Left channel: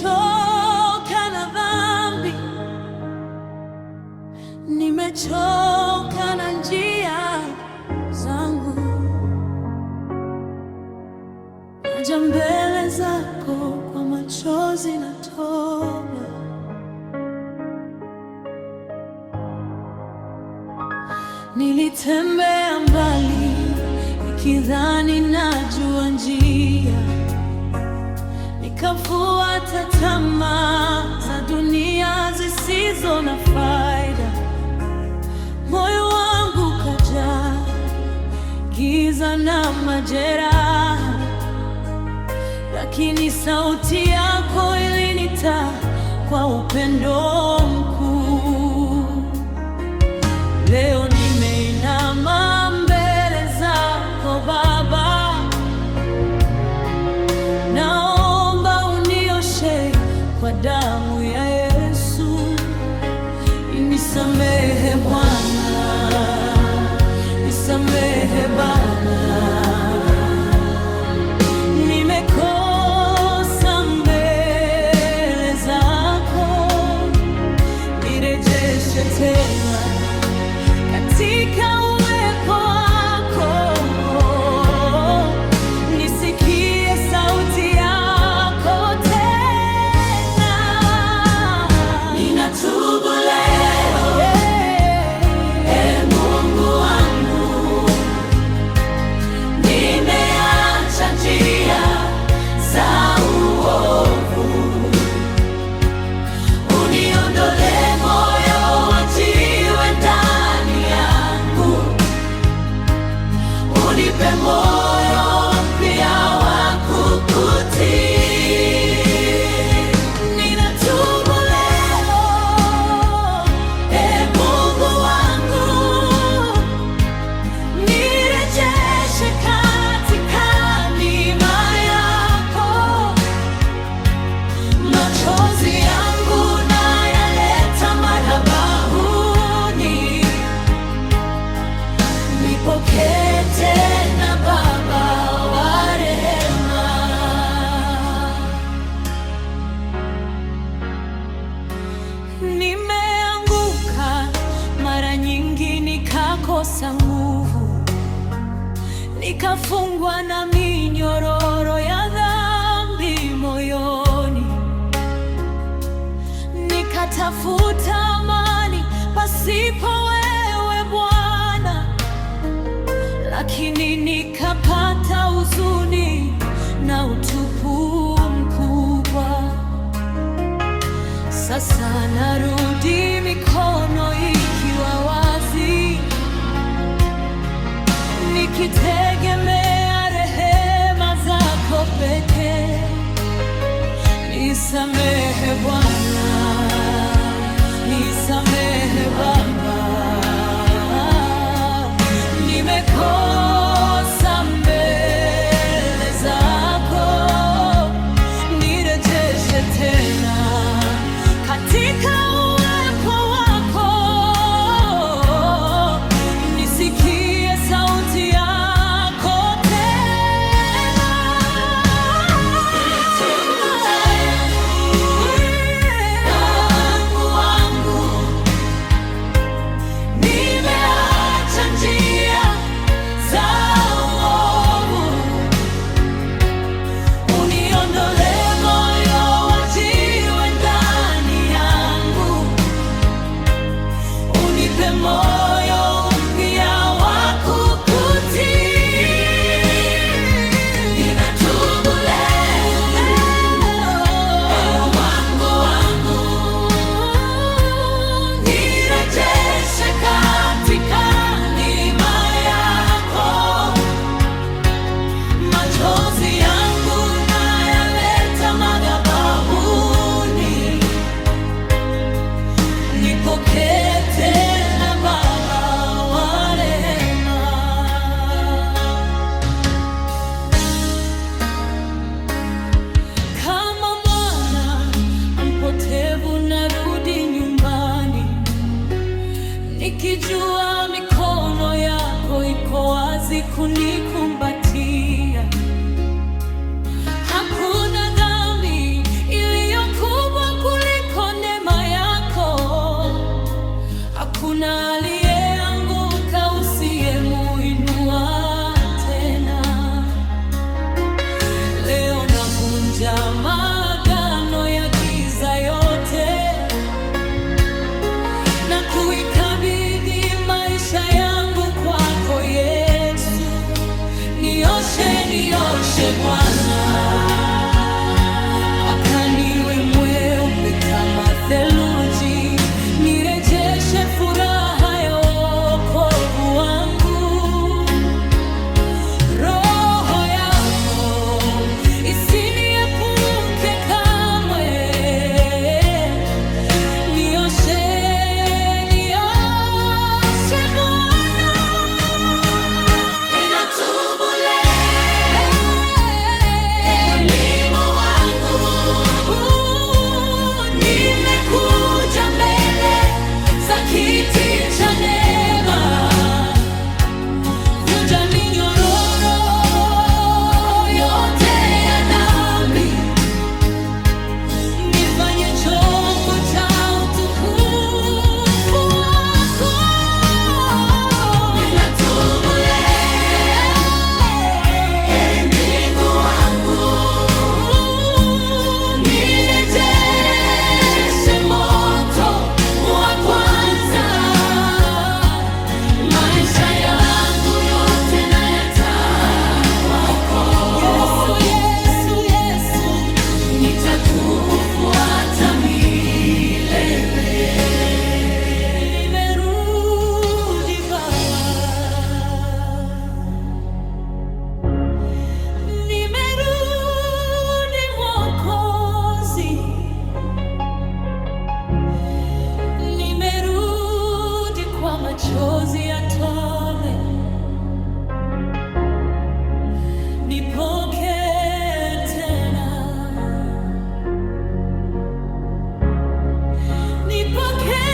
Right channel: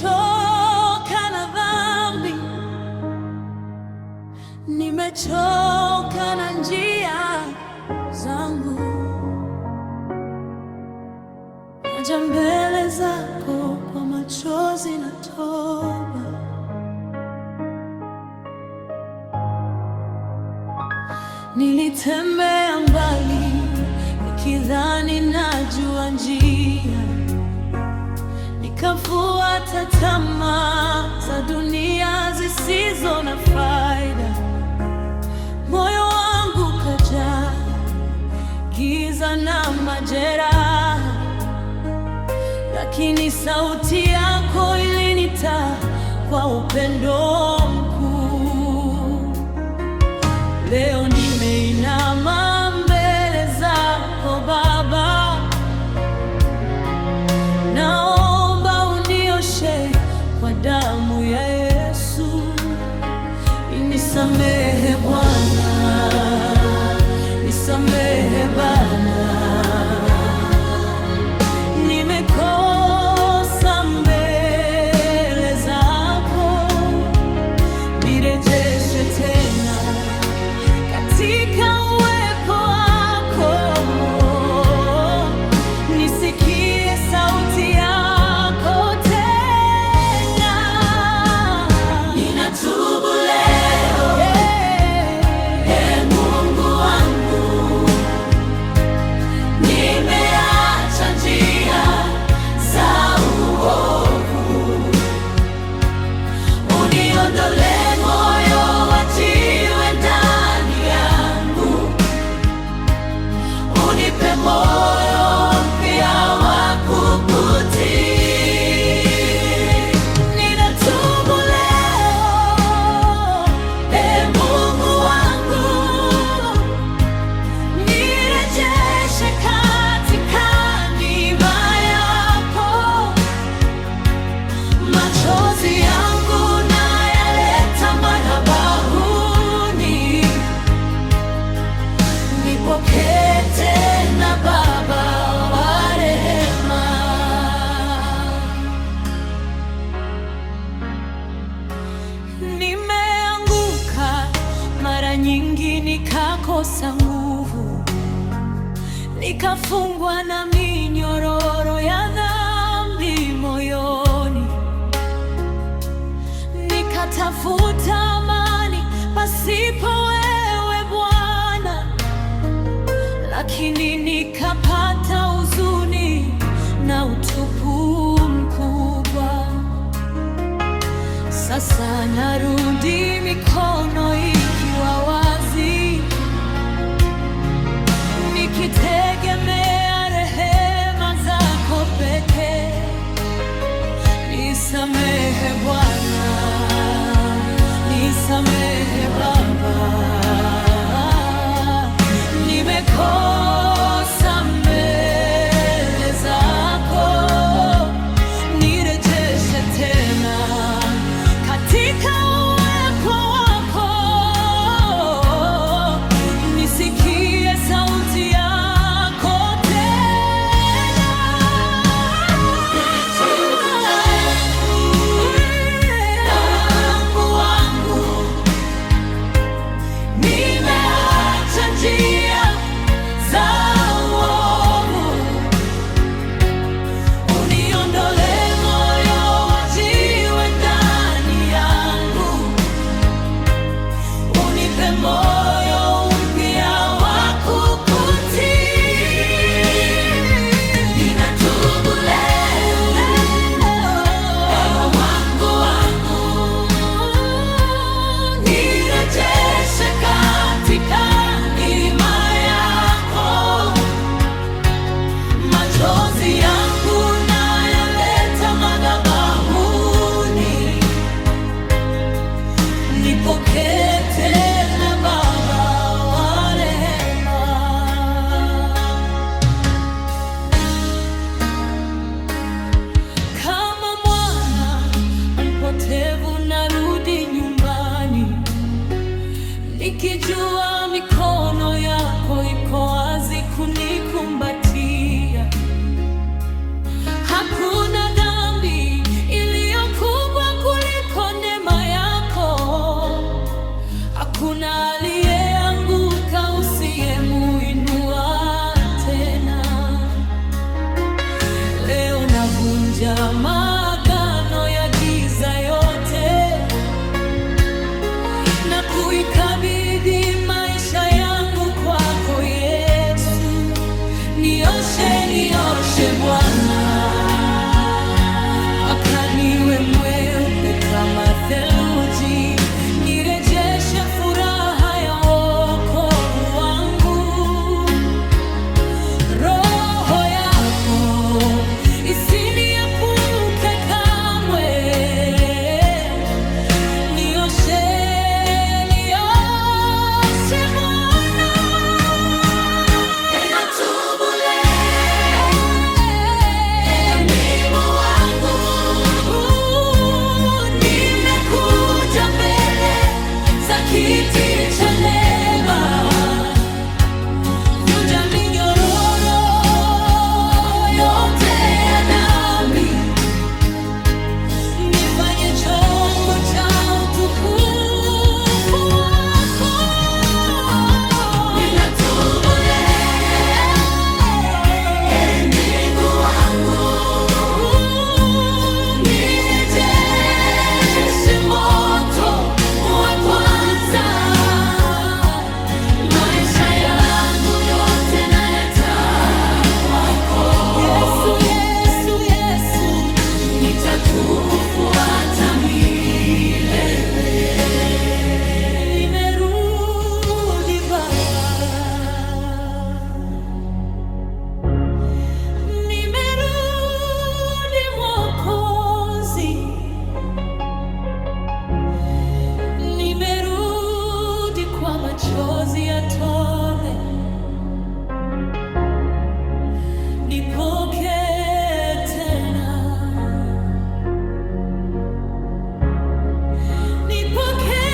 Nimechoka na dhambi, nimechoka na njia zangu. Naja mbele zako kwa machozi na toba. Nilitembea mbali nikidhani najua njia, nikafuata tamaa za dunia zisizo na faida. Moyo wangu kajaa giza na majeraha, lakini sauti yako ilinita kwa upendo mkuu. Leo nimeinama mbele zako Baba, naomba unioshe kwa damu ya Yesu. Nisamehe Bwana, nisamehe Bwana, nimekosa mbele zako. Nirejeshe tena katika uwepo wako, nisikie sauti yako tena. Ninatubu leo, Ee Mungu wangu, nimeacha njia za uovu. Uniondolee moyo wa jiwe ndani yangu, unipe moyo mpya wa kukutii. Ninatubu leo, Ee Mungu wangu, nirejeshe katika neema yako. Machozi yangu nayaleta madhabahuni, nipokee tena Baba wa rehema. Nimeanguka mara nyingi, nikakosa nguvu, nikafungwa na minyororo ya dhambi moyoni. Nikatafuta amani pasipo wewe Bwana, lakini nikapata huzuni na utupu mkubwa. Sasa narudi mikono ikiwa wazi, nikitegemea rehema zako pekee. Nisamehe Bwana, nisamehe Baba, nimekosa mbele zako. Nirejeshe tena katika uwepo wako, nisikie sauti yako tena. Mungu wangu, nimeacha njia za uovu. Uniondolee moyo wa jiwe ndani yangu, unipe moyo mpya wa kukutii. Ninatubu leo, Mungu wangu, nirejeshe katika neema yako. Machozi yangu nayaleta madhabahuni, nipokee tena Baba wa rehema. Kama mwana mpotevu narudi nyumbani, nikijua mikono yako iko wazi kunikumbatia. Hakuna dhambi iliyo navunja maagano ya giza yote na kuikabidhi maisha yangu kwako Yesu. Nioshe, nioshe Bwana, mpaka niwe mweupe kama theluji. Nirejeshe furaha ya wokovu wangu. Roho yako isiniepuke kamwe. Nioshe, nioshe Bwana. Ninatubu leo wangu. Nimekuja mbele za kiti cha neema. Vunja minyororo yote ya dhambi. Nifanye chombo cha utukufu wako. Ninatubu leo, Mungu wangu. Nirejeshe moto wa kwanza. Maisha yangu yote nayataka kwako. Yesu, Yesu, Yesu, nitakufuata milele. Nimerudi Baba, nimerudi Mwokozi, nimerudi kwa machozi ya toba. Nipokee tena, nipokee.